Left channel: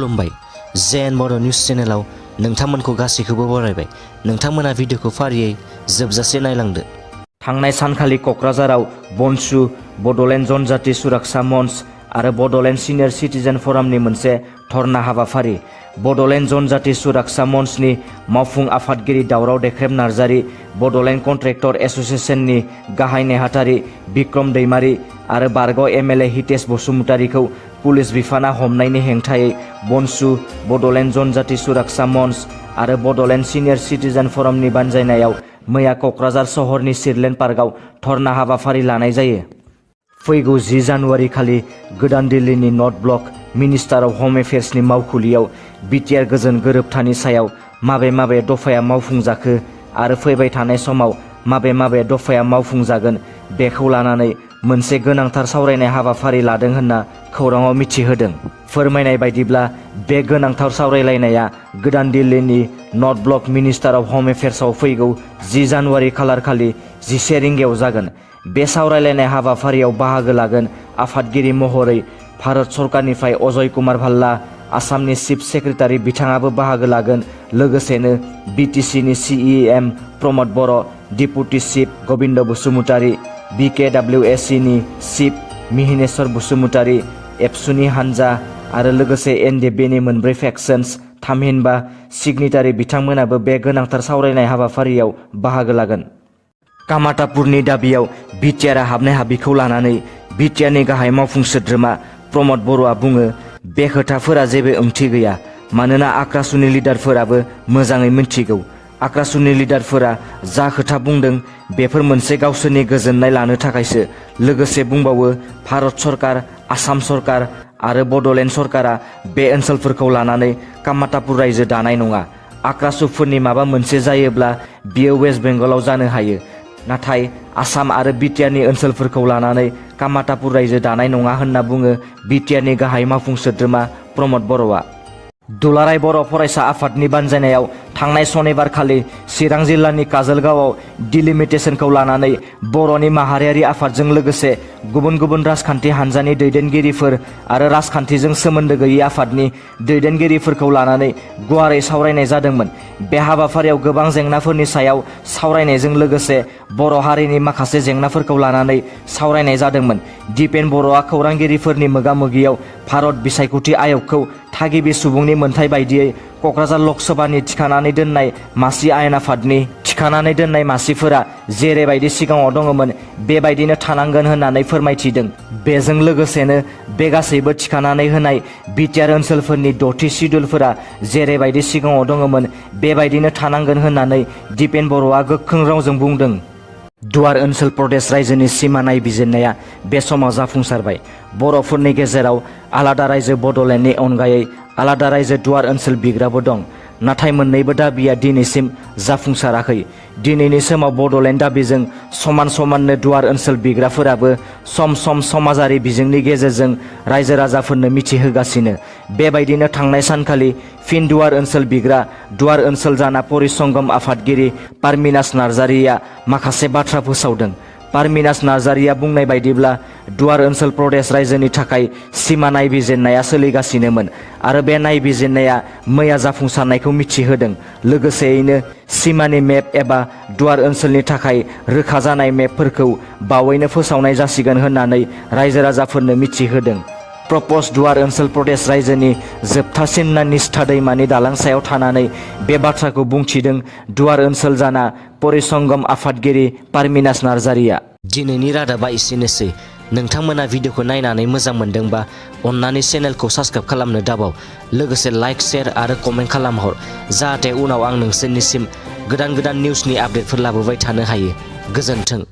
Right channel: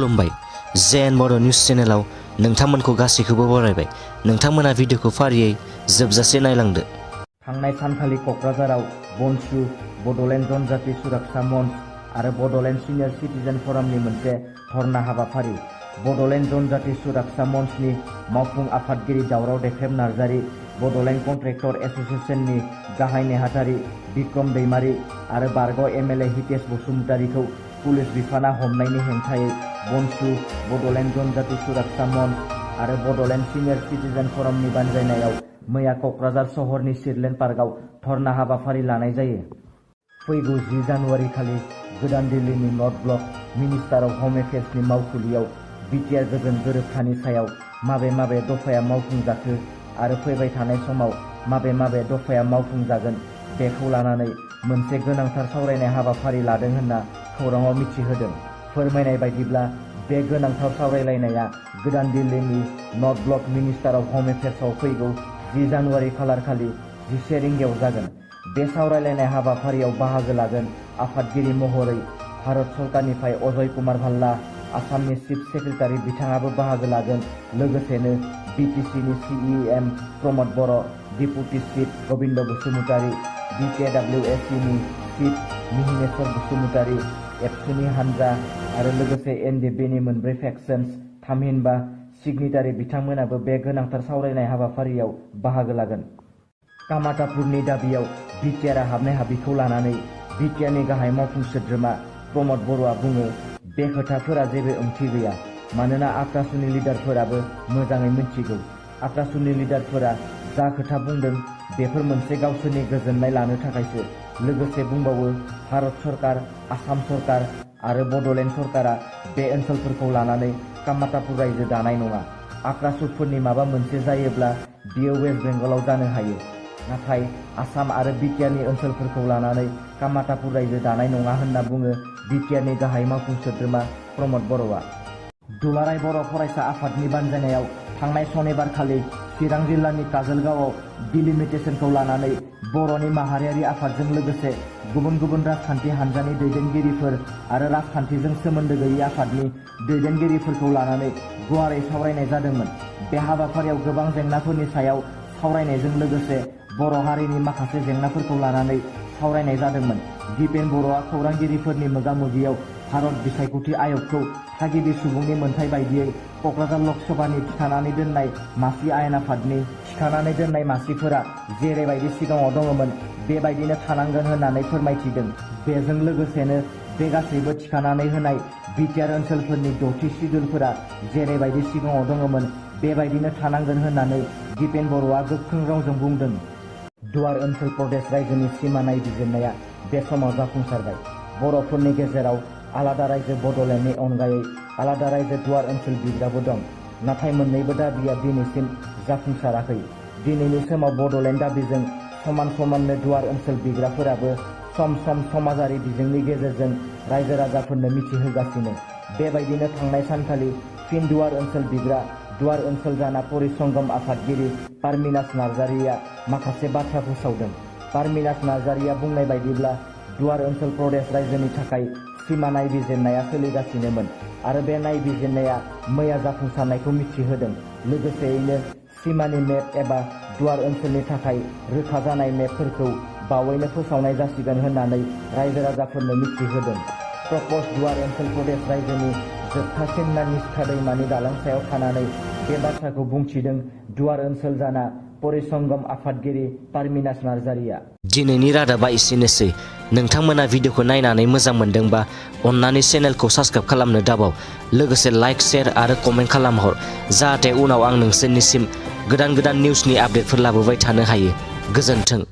खुलुमबाय जेएन बर' निउज चेनेलाव नोंथांमोनखौ गासैखौबो बरायबाय। नोंथांमोना भिडिअखौ फारियै जोबजासे नायलांदो। थांनाय सानखालि क'क्राझाराव बनसु, बड'लेण्ड जनजाति सुरक्षा मंच आरो बड'लेण्ड सिनियर सिटिजेन फरामनि मोनसे धरना हाबाफारि। बड'लेण्ड जनजाति सुरक्षा मंचनि मावफुं आफादगिरि दावराव देख्रेब नार्जारि, बड'लेण्ड कन्ट्रेक्टर एस'सिएशननि गाहाय नेहाथारि बिक्रम दैमारि आरो बारग' एमएलए हितेश बसुमतारिखौ पुलिस बिफाना हमनायनि हेंथायै बनसु, बड'लेण्ड जनजाति सुरक्षा मंच आरो बड'लेण्ड सिनियर सिटिजेन फरामनि बानजायनायाव मैया क'क्राझार सहरनि सिरलेन पार्कआव धरना हाबाफारि लानाय जायो। फैगौ 10 जानुवारि खालि गोदान दिल्लीनि नर्थ ब्लक मिनिस्टार अफ हम एफेयार्सनि मावखुलियाव बिटिआर गोजोन गोरोबथानि सायाव माबे दफाया मावफुंजाखो आरो फैबाय थानाय समाव माबे दफाया मावफुंजागोन बेखौ लानानै मोनसे गोनांथार सावरायनाय हाबाफारि लादों होनना खौराङाव मिथिहोदों। फोरमायनाय बायदिब्ला बे गोनांथार सावरायलायनाया गोदान दिल्लीनि नर्थ ब्लक मिनिस्टार अफ हम एफेयार्सआव फैगौ 10 जानुवारि खालारखालि 11 रिंगायाव जागोन। बे सावरायलायनाय हाबाफारियाव बाहागो लागोन आफादगिरि महरै भारत सरकारनिफ्राय अजय कुमार भाल्ला, आसामनि चिफ सेक्रेटारि बिथाङाबो बाहागो लागोन। लोगोसेनो बिटिसिनि CM Pramod Boro', deputy chief Gobinda Basumatary, बिकेडब्लिउएसिनि चिफ मिहिनेश्वर बसुमतारि, एबसुनि हानजा आरो लोगोसे एनडिएफबिनि मोनब्रै फेक्सन्स थामहिनबा सिगनेटारि बिथांमोनाबो बे गोनांथार सावरायनाय हाबाफारियाव बाहागो लागोन। कामातापुरनि दाबियाव बिटिआरआ हाबनाय हाबिखौ लानानै बिटिआरनि गाहाय मावफुं सोद्रोमा प्रमद बर'आ बुङो, बे खोथाफोरा जेबो ओंथि गैया, मानोना आक्रासुनि लिडारफोराबो मोजाङै मिन्थिगौ। आक्रासुनि लिडारफोरा जा खोथा बुंदों बेफोर मोनसे गावसोरनि गोजोननाय लानो थाखायसो। लोगोसे बुंबावो, भारत सरकार, आसाम सरकार आरो बड'लेण्ड सरकारा बे ओनसोलफोरखौ लानानै कामातापुर रायजो दानाय नङा। आक्रासुफोरनि माबा मोनसे जायोब्ला बियो वेस्ट बेंगलाव जानो हायो, नाथाय आसाम आरो बिटिआरनि ओनसोलफोरखौ लानानै कामातापुर रायजो दानाय नङा होनना बुङो बिटिआरनि गाहाय मावफुं सोद्रोमा प्रमद बर'आ। दुलाराय बर' फरायसा आफादनि बानजायनायाव थांनाय सनिबारखालि चिरां जिल्लानि काजलगावआव डिलिमिटेसनखौ लानानै बर'नि माहारियारि आफादजों लोगोसे गुबुन राजखान्थि हान्जानि दैदेनगिरिफोर आरो राजखान्थिजों सोमोन्दो गैयै आफादनि दैदेनगिरिफोरखौ लानानै गुवारै सावरायनाय जादोंमोन। बे हाबाफारियाव गोबां जेंनाफोरनि सायाव सावरायनायजों लोगोसे बर' हारिनि माखासे जेंनाफोरखौ लानानै सावरायनाय जादोंमोन। दिपेन बर'आ खौरांगिरिफोरनि मोगा-मोगियाव भारत बिसायख'थि आय'गखौ थागिबि सुबुंनि मोन्थाय बायदियै क'क्राझार लकसभानि थिखानानै दोननाय मासि आयेन आफादनि थिखानानै दोननाय मासिफोरा जेरैबायदि सिगाङाव दङमोन बेबायदिनो थानांगोन होननानै फोरमायथिदों। बेजों लोगोसेनो बे गासैबो थिखानानै होनाय बिटिआर ओनसोलफोरनि 6थि सिडुलफोरा जेरैबायदि सिगाङाव दङमोन बेबायदिनो थानांगोन होननानै दिपेन बर'आ गोख्रों रावजों बुंदों। दुवार ओनसोल प्रदेश रायजोनि सिमा नायबिजिरनाया बे समाव जाफुंसारबाय। बर'फोरनि गेजेराव आलादा रायजो बड'लेण्डनि अनगायै आलादा रायजो दुवार ओनसोल बिग्राबो दं, नाथाय मोन्नैबो दाबिया दिनैसिम जाफुंसाराखै। दिनैनि समाव बड'लेण्ड दाबिजों समाननो दुवार ओनसोल बिग्राफोराबो सम समाजारि बिजोंनि गेजेरजों रायजो राजाफोरनो मिथिहोगासिनो। बेबायदिनो थांनाय सानखालि फिन दुवार ओनसोल बिग्रा दुवार ओनसोल जाना परिसंगम आफादगिरि पारमिनास नार्जारिया माखासे बाथ्रा फोसावदों। पारमिनास नार्जारिया बुंनाय बायदिब्ला दुवार ओनसोल प्रदेश रायजोनि थाखाय सिमा नायबिजिरनाया सोलिगासिनोमोन आरो बे नायबिजिरनाया मैया जाफुंसारनायखौ मिथिहोदों। लोगोसेयैनो सिमानि मेप एबा दुवार ओनसोलनि थाखाय रोखा जानाय मेपफोरखौ बावैनो फोसावनाय जासिगोन होननानै रायजो राजाफोरनो मिथिहोदों। प्रप'ज दुवार ओनसोल प्रदेश रायजोनि जोबथासिनना निस्था दैमानि दालां सायाव थानानै बे बाथ्राखौ बुंथिदों दुवार ओनसोल जाना परिसंगम आफादगिरि पारमिनास नार्जारिया। दिनैनि रादाबा एसेनोसै। नोंथांमोना भिडिअखौ नायनानै मोजां मोनदोंबा अन्नानै चेनेलखौ साबस्क्राइब खालामनो दाबाव। लोगोसे लाइक, शेयार आरो कमेन्ट खालामहर, जाहाथे उनाव आं नोंसोरनिसिम गोदान निउसनि आपडेटफोर लाबोबाय थानो हायो। गोजोन्थों।